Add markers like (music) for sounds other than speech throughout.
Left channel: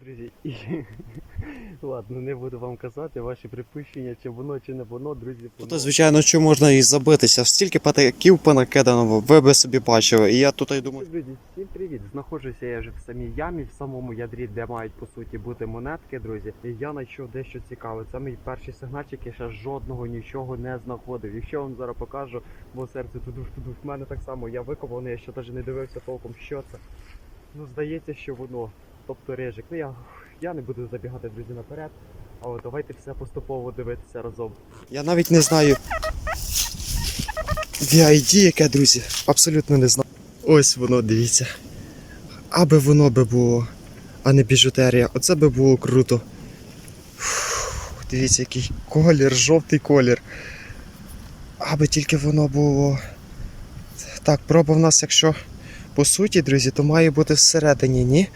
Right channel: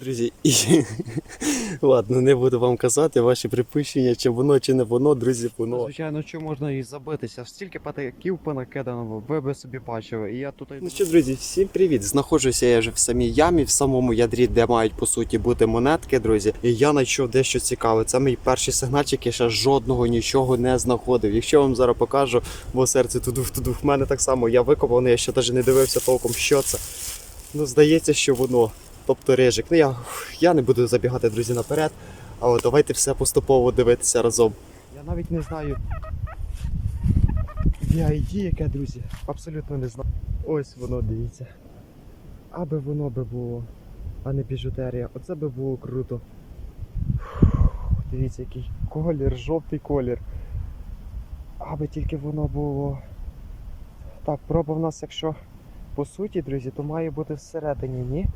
Друзі, і (laughs) ладно, не буду вам казати ваші припущення, чи воно, чи не воно, друзі, воно. То, звичайно, що можна і забитися. Стільки патаків понакидано, ви би собі бачили. І я тут і Ну що, друзі, всім привіт! Знаходжуся я вже в самій ямі, в самому ядрі, де мають по суті бути монетки, друзі. І я знайшов дещо цікаве. Це мій перший сигнальчик, я ще жодного нічого не знаходив. Якщо я вам зараз покажу, бо серце тудух тудух в мене так само. Я викопав, я ще навіть не дивився толком, що це. Ну, здається, що воно. Тобто рижик. Ну я, я не буду забігати, друзі, наперед. Але давайте все поступово дивитися разом. я навіть не знаю. VID яке, друзі, абсолютно не знаю. Ось воно, дивіться. Аби воно би було, а не біжутерія. Оце би було круто. Фух, Дивіться, який колір, жовтий колір. Аби тільки воно було. Так, проба в нас, якщо по суті, друзі, то має бути всередині, ні?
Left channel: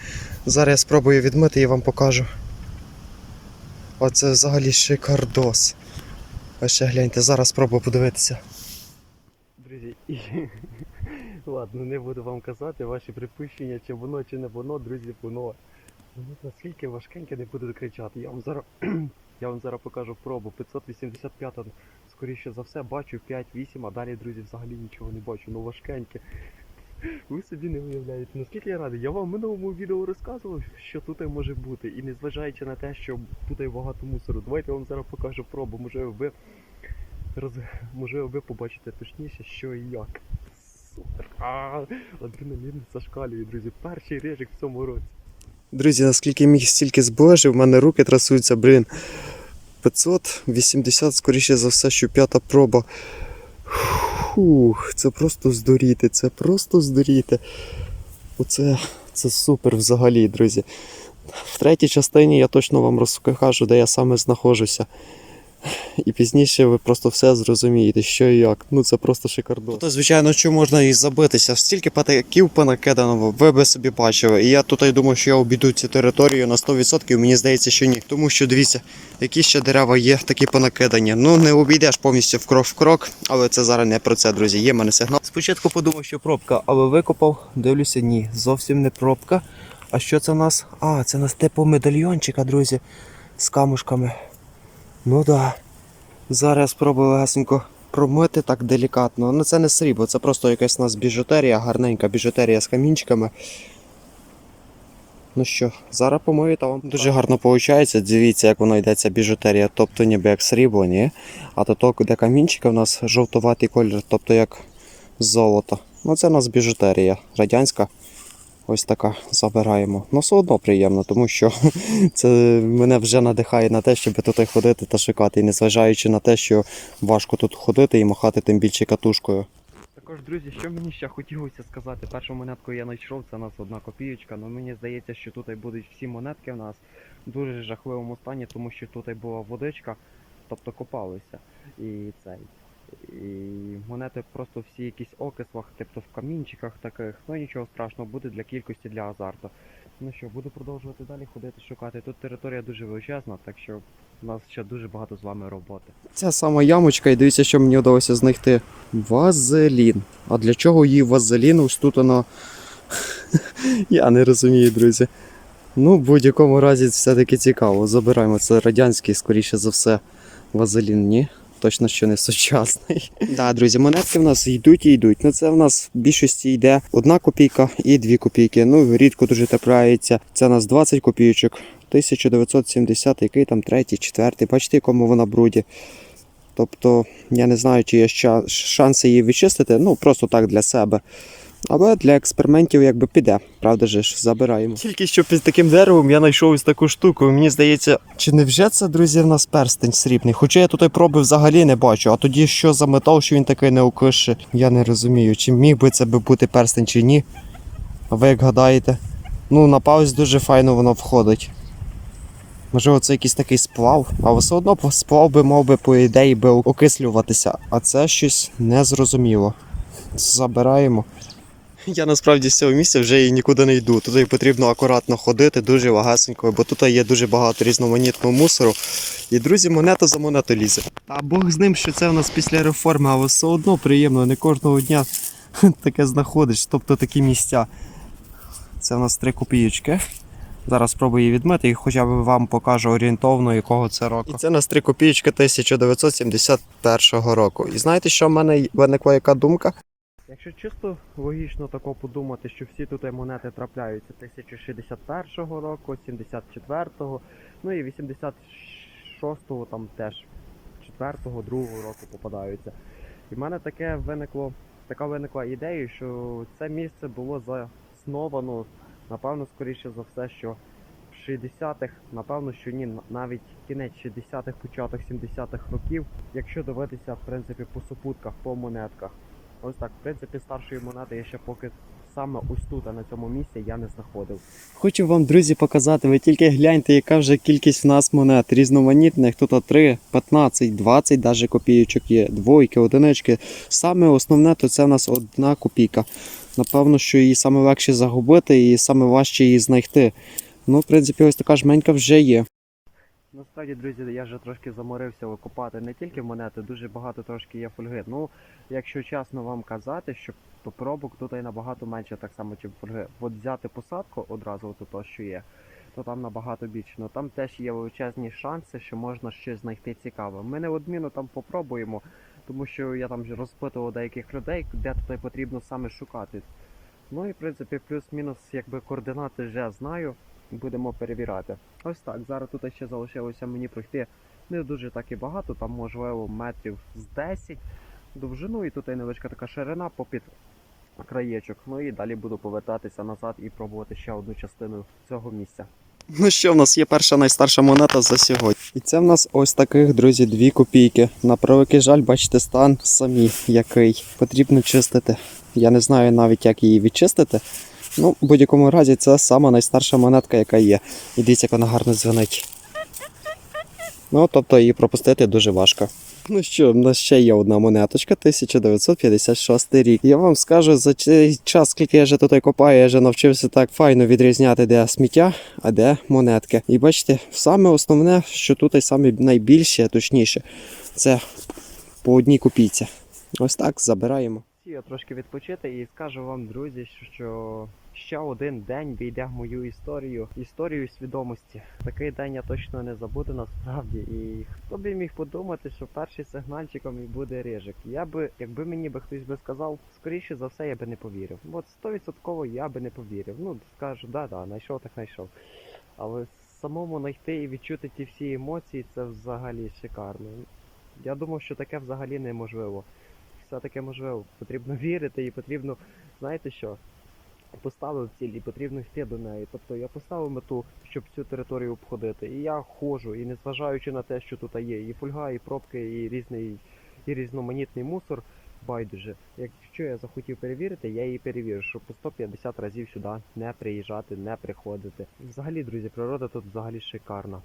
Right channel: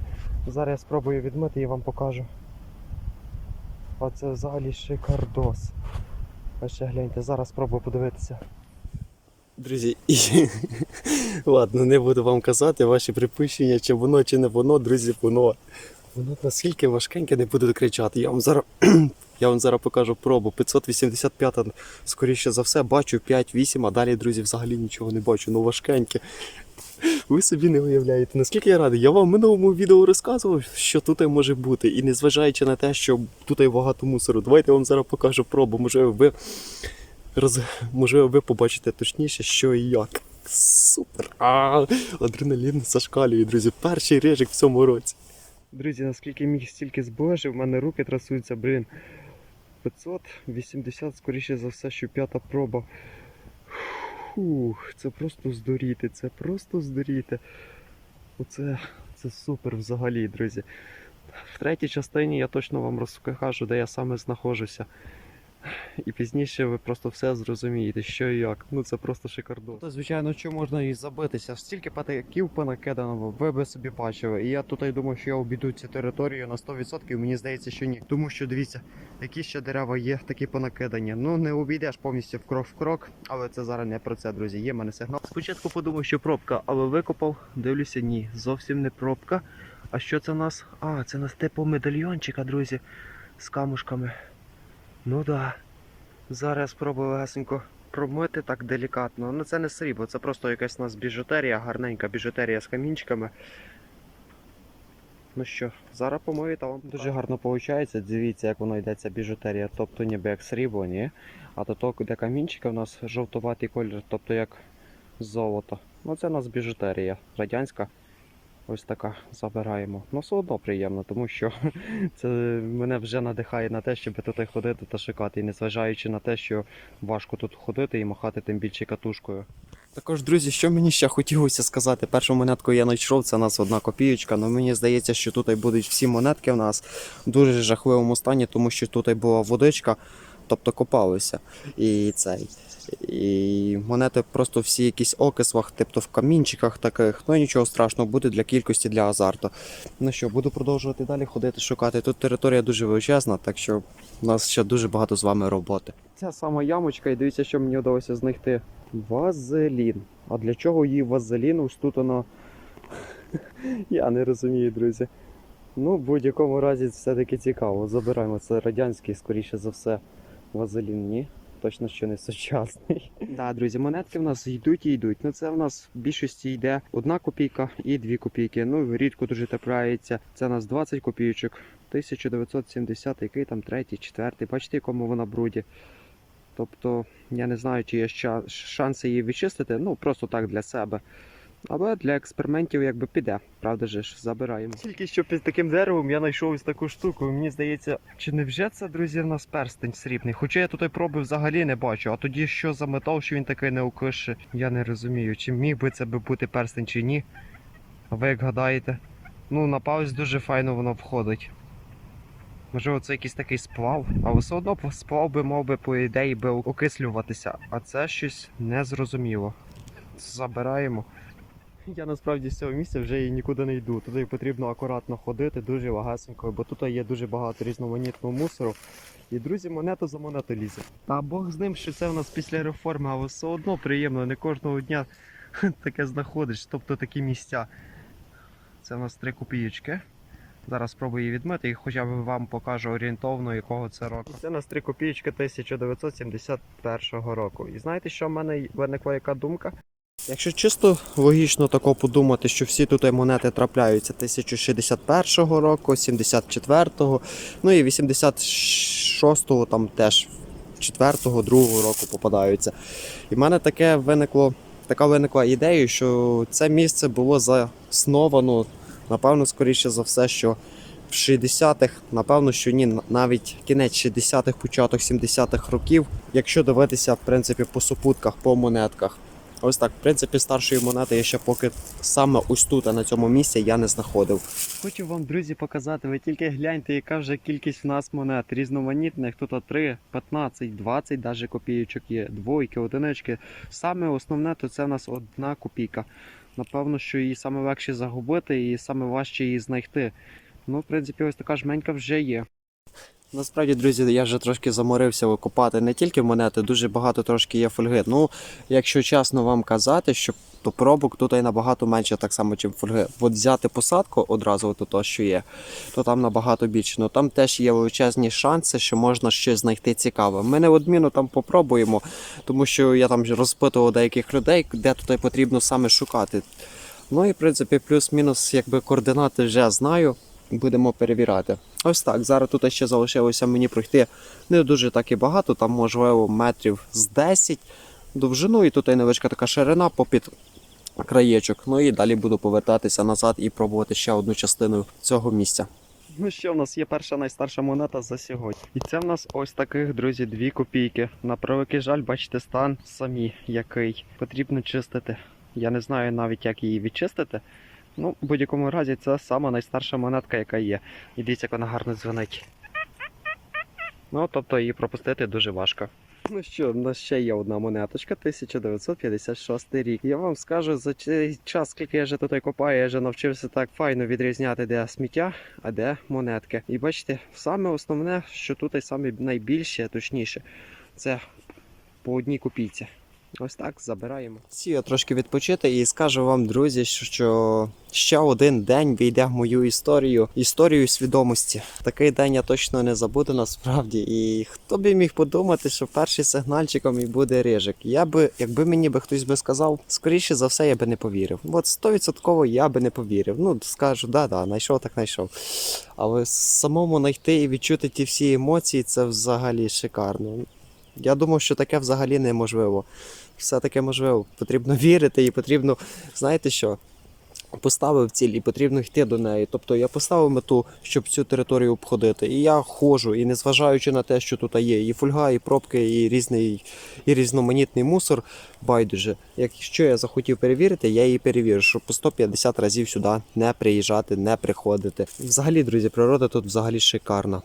Зараз я спробую відмити і вам покажу. Оце взагалі шикардос. А ще гляньте, зараз спробую подивитися. Друзі, і (laughs) ладно, не буду вам казати ваші припущення, чи воно, чи не воно, друзі, воно. Воно наскільки важкеньке, не буду кричати. Я вам зараз, (clears throat) я вам зараз покажу пробу. 585, скоріше за все, бачу 5-8, а далі, друзі, взагалі нічого не бачу. Ну важкеньке. Ви собі не уявляєте, наскільки я радий. Я вам в минулому відео розказував, що тут може бути. І незважаючи на те, що тут багато мусору, давайте я вам зараз покажу пробу. Можливо, ви роз... можливо, ви побачите точніше, що і як. Супер! Адреналін зашкалює, друзі. Перший режик в цьому році. Друзі, наскільки міг стільки збожив, в мене руки трасуються, блін. 580, скоріше за все, що п'ята проба. Фух, це просто здуріти, це просто здуріти. Оце це супер взагалі, друзі. В третій частині я точно вам розкажу, де я саме знаходжуся. І пізніше ви просто все зрозумієте, що і як. Ну це просто шикардос. То, звичайно, що можна і забитися. Стільки патаків понакидано, ви би собі бачили. І я тут думаю, що я обійду цю територію на 100%, мені здається, що ні. Тому що дивіться, які ще дерева є такі понакидані. Ну не обійдеш повністю в крок в крок, але це зараз не про це, друзі. Є мене сигнал. Спочатку подумав, що пробка, але викопав, дивлюся, ні, зовсім не пробка. А що це в нас? А, це у нас типу медальйончика, друзі, з камушками. Ну да. Зараз спробую легесенько промити так делікатно. Ну це не срібло, це просто якась у нас біжутерія, гарненька біжутерія з камінчиками. Ну що, зараз помию та вам. Дуже гарно виходить. Дивіться, як воно йде ця біжутерія. Тобто ніби як срібло, ні? А то, то де камінчики, у нас жовтуватий колір, тобто як золото. Ну це у нас біжутерія радянська. Ось така забираємо. Ну все одно приємно, тому що (laughs) це мене вже надихає на те, щоб тут ходити та шукати. І незважаючи на те, що важко тут ходити і махати тим більше катушкою. Також, друзі, що мені ще хотілося сказати, першу монетку я знайшов, це у нас одна копійочка. але мені здається, що тут будуть всі монетки у нас в дуже жахливому стані, тому що тут була водичка, тобто копалися. І цей. І монети просто всі якісь окислах, тобто в камінчиках таких. Ну нічого страшного, буде для кількості, для азарту. Ну що, буду продовжувати далі ходити, шукати. Тут територія дуже величезна, так що у нас ще дуже багато з вами роботи. Ця сама ямочка, і дивіться, що мені вдалося знайти. Вазелін. А для чого їй вазелін? Ось тут воно. (laughs) Я не розумію, друзі. Ну, в будь-якому разі все-таки цікаво. Забираємо. Це радянський, скоріше за все, вазелін, ні? Точно, що не сучасний. (laughs) Так, друзі, монетки в нас йдуть і йдуть. Ну це в нас в більшості йде одна копійка і дві копійки. Ну, рідко дуже трапляється. Це у нас 20 копійочок. 1970, який там третій, четвертий. Бачите, якому вона бруді. Тобто, я не знаю, чи є шанси її відчистити, ну просто так для себе. Але для експериментів якби піде. Правда же ж, забираємо. Тільки що під таким деревом я знайшов ось таку штуку. Мені здається, Чи не вже це, друзі, в нас перстень срібний? Хоча я тут і проби взагалі не бачу. А тоді що за метал, що він такий не укише, я не розумію, чи міг би це би бути перстень чи ні. А ви як гадаєте? Ну, на паузі дуже файно воно входить. Можливо, це якийсь такий сплав, а все одно сплав би мав би, по ідеї, би окислюватися, а це щось незрозуміло. Забираємо. Я насправді з цього місця вже і нікуди не йду. Туди потрібно акуратно ходити, дуже вагасенько, бо тут є дуже багато різноманітного мусору. І друзі, монета за монету лізе. Та Бог з ним, що це в нас після реформи, але все одно приємно, не кожного дня (laughs) таке знаходиш, тобто такі місця. Це в нас три копійочки. Зараз спробую її відмити і хоча б вам покажу орієнтовно, якого це року. І це на 3 копійки 1971 року. І знаєте, що в мене виникла яка думка? Якщо чисто логічно тако подумати, що всі тут монети трапляються 1061 року, 74-го, ну і 86-го там теж 4-го, 2-го року попадаються. І в мене таке виникло, така виникла ідея, що це місце було засновано, напевно, скоріше за все, що в 60-х, напевно, що ні, навіть кінець 60-х, початок 70-х років, якщо дивитися, в принципі, по супутках, по монетках. Ось так, в принципі, старшої монети я ще поки саме ось тут, а на цьому місці я не знаходив. Хочу вам, друзі, показати. Ви тільки гляньте, яка вже кількість в нас монет різноманітних. Тут 3, 15, 20 даже копійочок є, двойки, одинички. Саме основне то це в нас одна копійка. Напевно, що її саме легше загубити і саме важче її знайти. Ну, в принципі, ось така жменька вже є. Насправді, друзі, я вже трошки заморився викопати не тільки монети, дуже багато трошки є фольги. Ну, якщо чесно вам казати, що то пробок тут і набагато менше, так само, чим фольги. От взяти посадку одразу, от то, що є, то там набагато більше. Ну там теж є величезні шанси, що можна щось знайти цікаве. Ми неодмінно там попробуємо, тому що я там розпитував деяких людей, де тут потрібно саме шукати. Ну і в принципі, плюс-мінус, якби координати вже знаю. Будемо перевіряти. Ось так. Зараз тут ще залишилося мені пройти не дуже так і багато, там можливо метрів з 10 довжину, і тут і невеличка така ширина попід краєчок. Ну і далі буду повертатися назад і пробувати ще одну частину цього місця. Ну що, в нас є перша найстарша монета за сьогодні. І це в нас ось таких, друзі, дві копійки. На превеликий жаль, бачите, стан самі який. Потрібно чистити. Я не знаю навіть, як її відчистити. Ну, в будь-якому разі, це сама найстарша монетка, яка є. І дивіться, як вона гарно дзвонить. Ну, тобто її пропустити дуже важко. Ну що, в нас ще є одна монеточка, 1956 рік. Я вам скажу, за цей час, скільки я вже тут копаю, я вже навчився так файно відрізняти, де сміття, а де монетки. І бачите, саме основне, що тут і саме найбільше, точніше, це по одній копійці. Ось так забираємо. Сію трошки відпочити і скажу вам, друзі, що ще один день війде в мою історію, історію свідомості. Такий день я точно не забуду насправді. І хто би міг подумати, що перший сигнальчиком і буде рижик. Я би, якби мені би хтось би сказав, скоріше за все, я би не повірив. От стовідсотково я би не повірив. Ну скажу, да, да, знайшов, так знайшов. Але самому знайти і відчути ті всі емоції, це взагалі шикарно. Я думав, що таке взагалі неможливо. Все таке можливо. Потрібно (laughs) вірити і потрібно, знаєте що? Поставив ціль і потрібно йти до неї. Тобто я поставив мету, щоб цю територію обходити. І я ходжу, і незважаючи на те, що тут є і фольга, і пробки, і різний, і різноманітний мусор, байдуже. Якщо я захотів перевірити, я її перевірю, щоб по 150 разів сюди не приїжджати, не приходити. Взагалі, друзі, природа тут взагалі шикарна.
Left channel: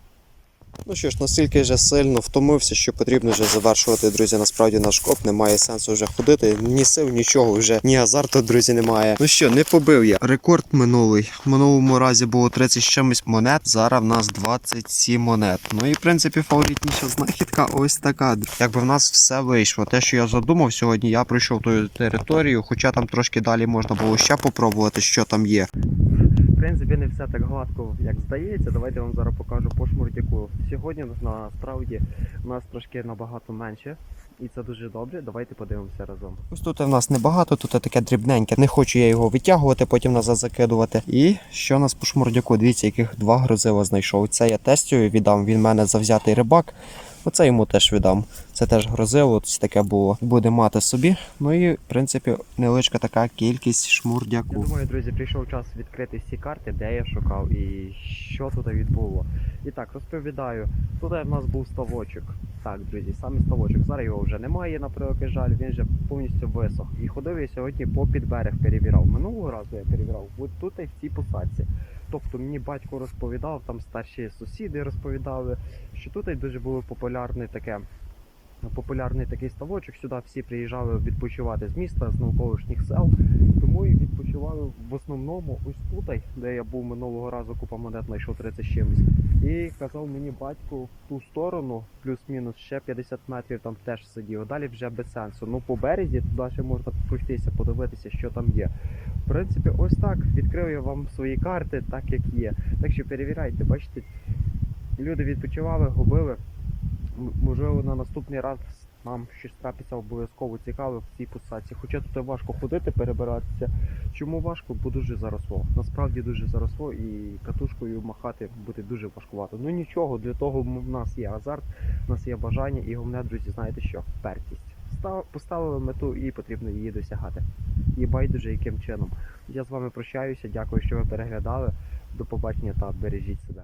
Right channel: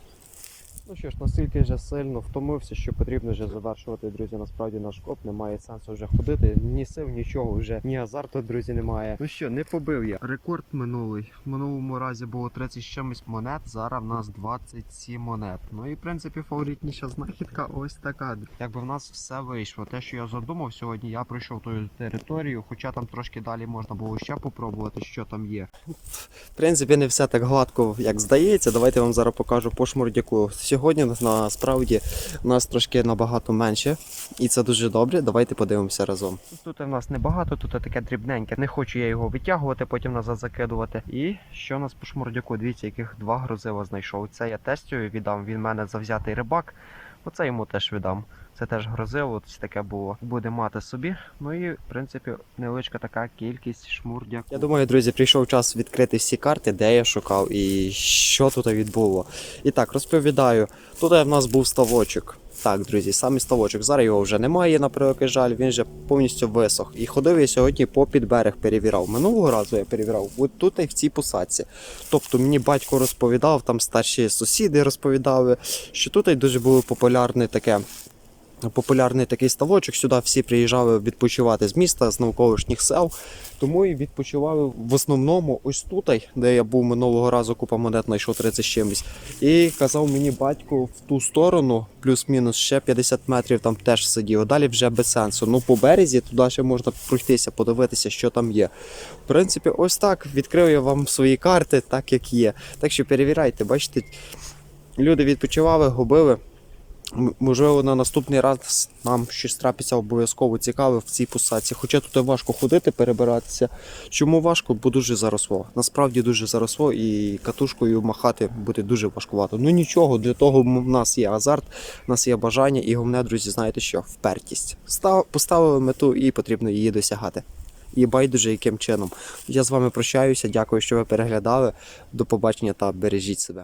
Ну що ж, настільки вже сильно втомився, що потрібно вже завершувати, друзі. Насправді наш коп немає сенсу вже ходити. Ні сил, нічого вже, ні азарту, друзі, немає. Ну що, не побив я. Рекорд минулий. В минулому разі було 30 з чимось монет. Зараз в нас 27 монет. Ну і в принципі фаворитніша знахідка ось така. Якби в нас все вийшло. Те, що я задумав сьогодні, я пройшов тою територію, хоча там трошки далі можна було ще попробувати, що там є. В принципі, не все так гладко, як здається. Давайте вам зараз покажу по шмурдяку. Сьогодні насправді у нас трошки набагато менше, і це дуже добре. Давайте подивимося разом. Ось тут в нас небагато, тут таке дрібненьке. Не хочу я його витягувати, потім назад закидувати. І що у нас по шмурдяку? Дивіться, яких два грозива знайшов. Це я тестю віддам. Він в мене завзятий рибак. Оце йому теж віддам. Це теж грозило, ось таке було. Буде мати собі. Ну і в принципі невеличка така кількість шмурдяку. Я думаю, друзі, прийшов час відкрити всі карти, де я шукав і що тут відбуло. І так, розповідаю. Тут в нас був ставочок. Так, друзі, саме ставочок. Зараз його вже немає, на превеликий жаль, він вже повністю висох. І ходив я сьогодні по підберег перевірав. Минулого разу я перевірав, от тут і в цій посадці. Тобто мені батько розповідав, там старші сусіди розповідали, що тут дуже було популярне таке популярний такий ставочок. Сюди всі приїжджали відпочивати з міста, з навколишніх сел. Тому і відпочивали в основному ось тут, де я був минулого разу, купа монет знайшов 30 з чимось. І казав мені батько в ту сторону, плюс-мінус ще 50 метрів там теж сидів. Далі вже без сенсу. Ну по березі туди ще можна пройтися, подивитися, що там є. В принципі, ось так відкрив я вам свої карти, так як є. Так що перевіряйте, бачите, люди відпочивали, губили. Можливо, на наступний раз нам щось трапиться обов'язково цікаве в цій посадці. Хоча тут важко ходити, перебиратися. Чому важко? Бо дуже заросло. Насправді дуже заросло і катушкою махати буде дуже важкувато. Ну нічого, для того в нас є азарт, в нас є бажання, і головне, друзі, знаєте що? Впертість. Став, поставили мету і потрібно її досягати. І байдуже яким чином. Я з вами прощаюся. Дякую, що ви переглядали. До побачення та бережіть себе.